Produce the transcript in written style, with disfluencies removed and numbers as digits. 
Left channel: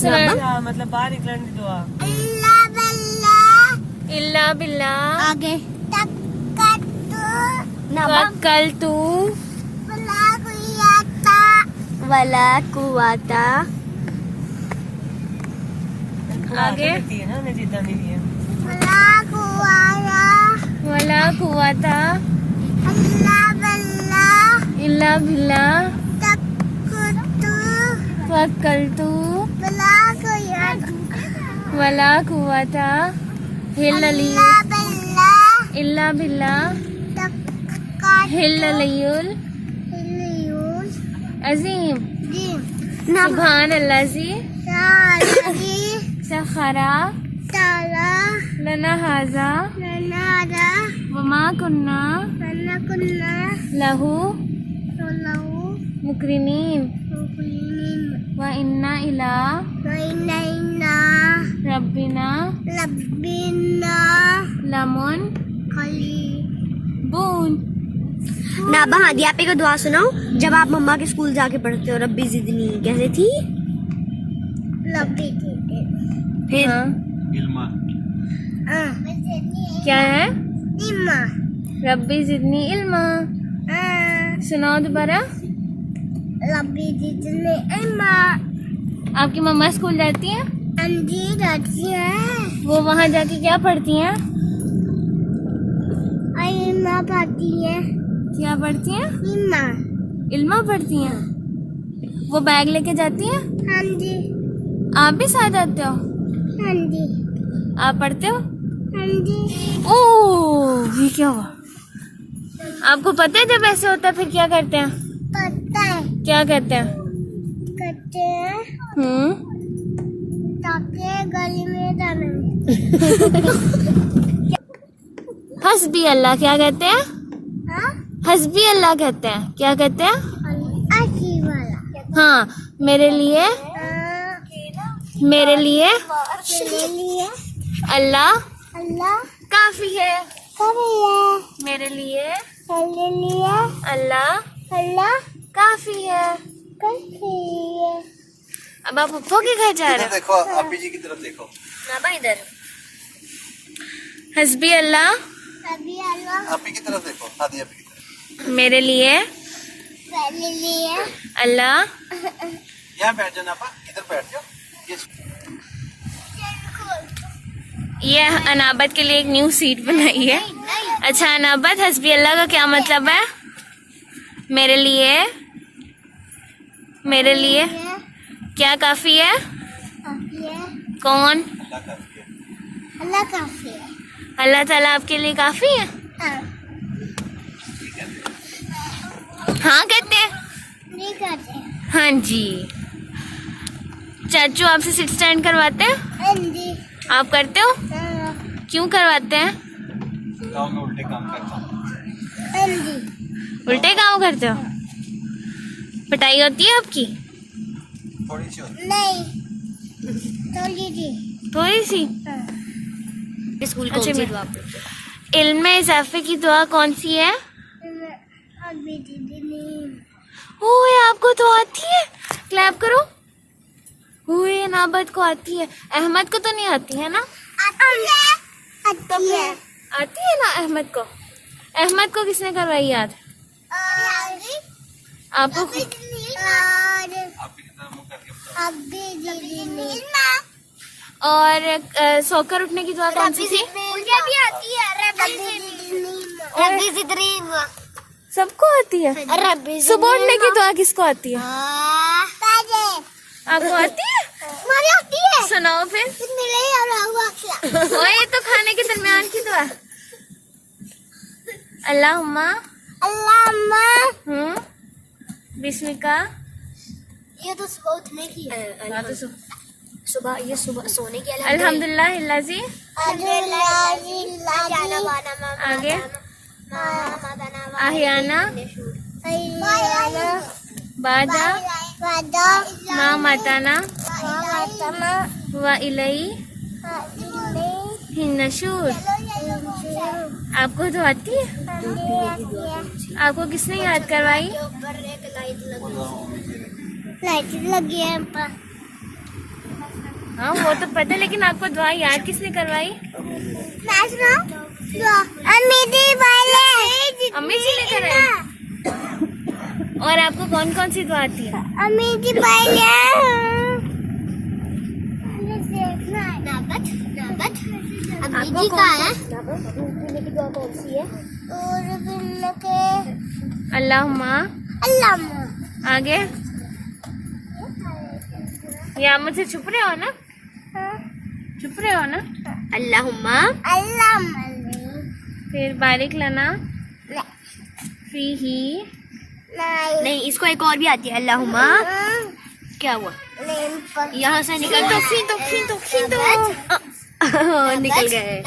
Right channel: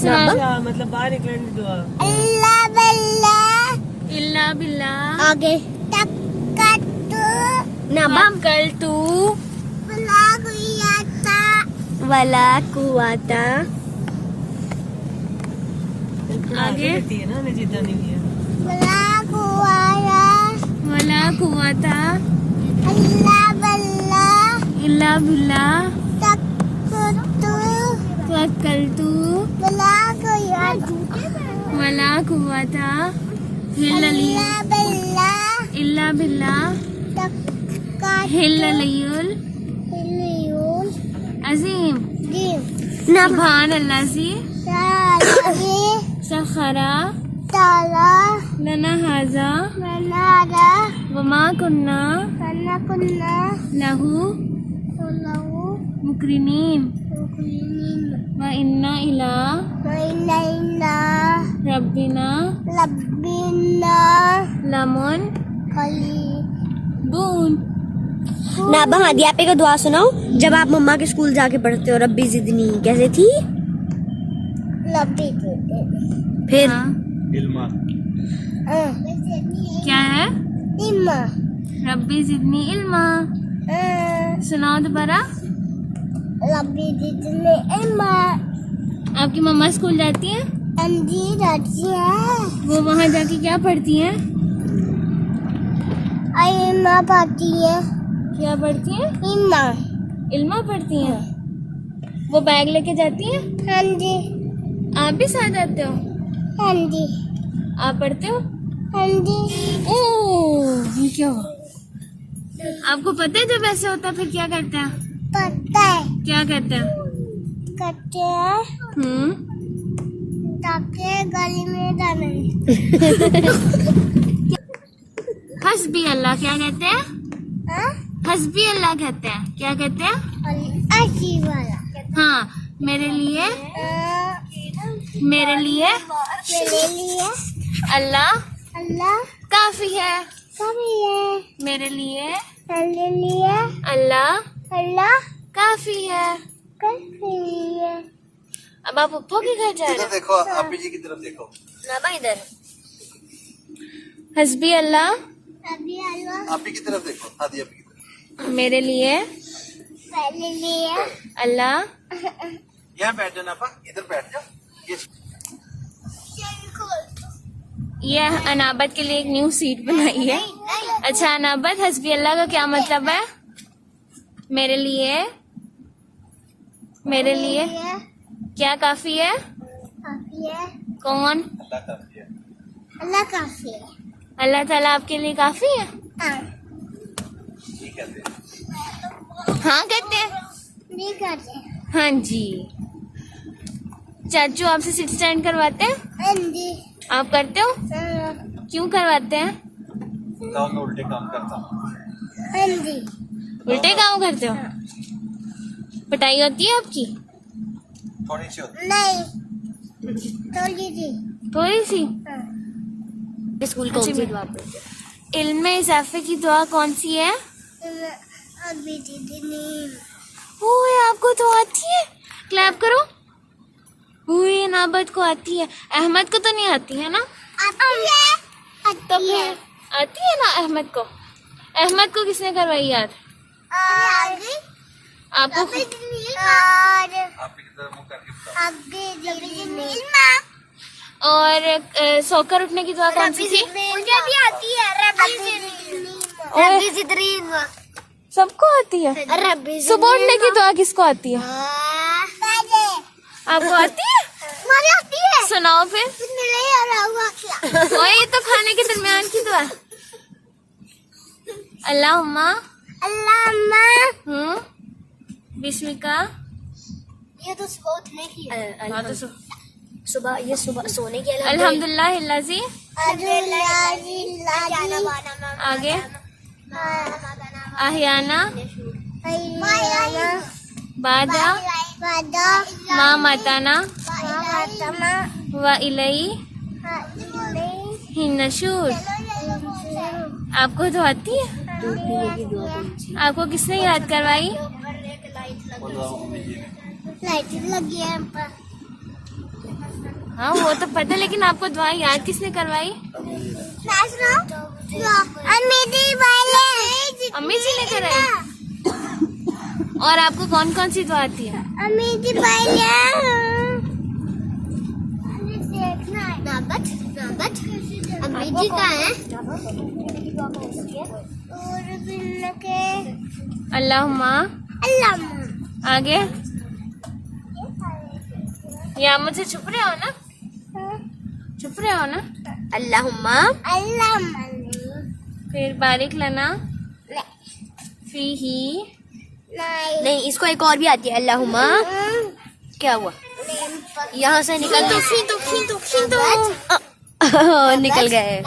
सुना मतलब बाहर निकलने की दुआ। अल्लाह बल्ला इल्ला बिल्ला आगे कल तू वला कुवाता आगे लगती है ना उन्हें जिद्दा नहीं लिया। वला कुवाया वला कुवाता अल्लाह बल्ला इल्ला बिल्ला तकुतु तवक्कलतु वला कुवाता वला कुवाता हिल्लली अल्लाह बल्ला इल्ला बिल्ला तक्कात हिल्ललियुल हिलियुल अजीम दिन सुभान अल्लाजी सालगी सखरा ताला लना हाजा ननादा वमा कुन्ना वनकुन्ना लहू लहू मुकरिनीन मुकरिनीन व इन्ना इला वइनैना रब्बिना लब्बिना लमुन खली बून। नाबा हादी आप एक दुआ सुनाओ जब आप मम्मा के स्कूल जाके पढ़ते हो। रब्बी जिदनी कैसे थी? रब्बी फिर हाँ, इल्मा क्या है? इम्मा रब्बी जिदनी इल्मा। सुनाओ दोबारा। रब्बी जिदनी इम्मा। आपकी मम्मा स्कूल जाती हैं? अंजी जाती है वो वहाँ जाके क्या पढ़ती हैं? इम्मा पढ़ती है। क्या पढ़ती हैं? इम्मा इल्मा पढ़ती हैं। वो बैग लेके जाती हैं? हाँ जी आप भी साथ जाते हो? हाँ जी आप पढ़ते हो? हाँ जी ओह, ये क्या हुआ? आपको पता है जब ऐसे होता है फिर क्या करते हैं? पता है क्या कहते हैं? करते हैं ताकि गली में जाने। हस्बी अल्लाह क्या कहते हैं? हाँ हस्बी अल्लाह कहते हैं। क्या कहते हैं? अच्छी वाला हाँ, मेरे लिए मेरे लिए अल्लाह अल्लाह काफी है। कभी है मेरे लिए मेरे लिए अल्लाह अल्लाह काफी है। कभी है। अब आप पप्पो के घर जा रहे हो? देखो आप जी की तरफ देखो। इधर हस्बी अल्लाह कभी अल्लाह आप की तरफ देखो। हादी आप की तरफ। मेरे लिए मेरे लिए अल्लाह यहाँ बैठ जाना आपा, इधर बैठ जाओ। ये अनाबत के लिए एक न्यू सीट बनाई है। अच्छा अनाबत, हस्बी अल्लाह का क्या मतलब है? मेरे लिए क्या काफी है? काफी है। कौन? अल्लाह काफी है। अल्लाह काफी है। अल्लाह ताला आपके लिए काफी है। हाँ ठीक है। हाँ कहते हैं। नहीं करते। हाँ जी। चाचू आपसे सिट स्टैंड करवाते हैं? हाँ जी आप करते हो? हाँ क्यों करवाते हैं? गाँव में उल्टे काम करता हूँ। हाँ जी उल्टे काम करते हो? पिटाई होती है आपकी? थोड़ी सी होती नहीं थोड़ी सी थोड़ी सी। हाँ स्कूल इल्म में इजाफे की दुआ कौन सी है? अभी दीदी ओए आपको तो आती है, क्लैप करो। ओए नाबत को आती है, अहमद को तो नहीं आती है ना? आती है आती है ना अहमद को? अहमद को किसने करवाई याद? आपको आपकी तरफ मुंह करके बताओ। और सोकर उठने की दुआ कौन सी थी? मुझे भी आती है रब्बी जिदरीन सबको आती है। रब्बी सुबह उठने की दुआ किसको आती है? आपको आती है? मुझे आती है। सुनाओ फिर। नहीं आ रहा हुआ क्या? ओए ये तो खाने के दरमियान की दुआ। अल्लाहुम्मा अल्लाह बिस्मिका। ये तो सुबह उठने की है। हाँ तो सुबह ये सुबह सोने की अल्हम्दुलिल्लाह हिल्लाजी। आगे आहियाना बादा मा माताना व इलई हिन्नशूर। आपको तो आती है? आपको किसने याद करवाई? लाइट लगी है। हाँ वो तो पता है, लेकिन आपको दुआ याद किसने करवाई? अम्मी जी ने कराई। और आपको कौन कौन सी दुआ आती है? अम्मी जी कहाँ है? अल्लाहुम्मा। आगे या मुझे छुप रहे हो ना? छुप रहे हो ना? अल्लाहुम्मा फिर बारिक लना फीही। नहीं, इसको एक और भी आती है, अल्लाहुम्मा। क्या हुआ? यहाँ से निकल खींचो खींचो खींचो खींचो। निकल गए।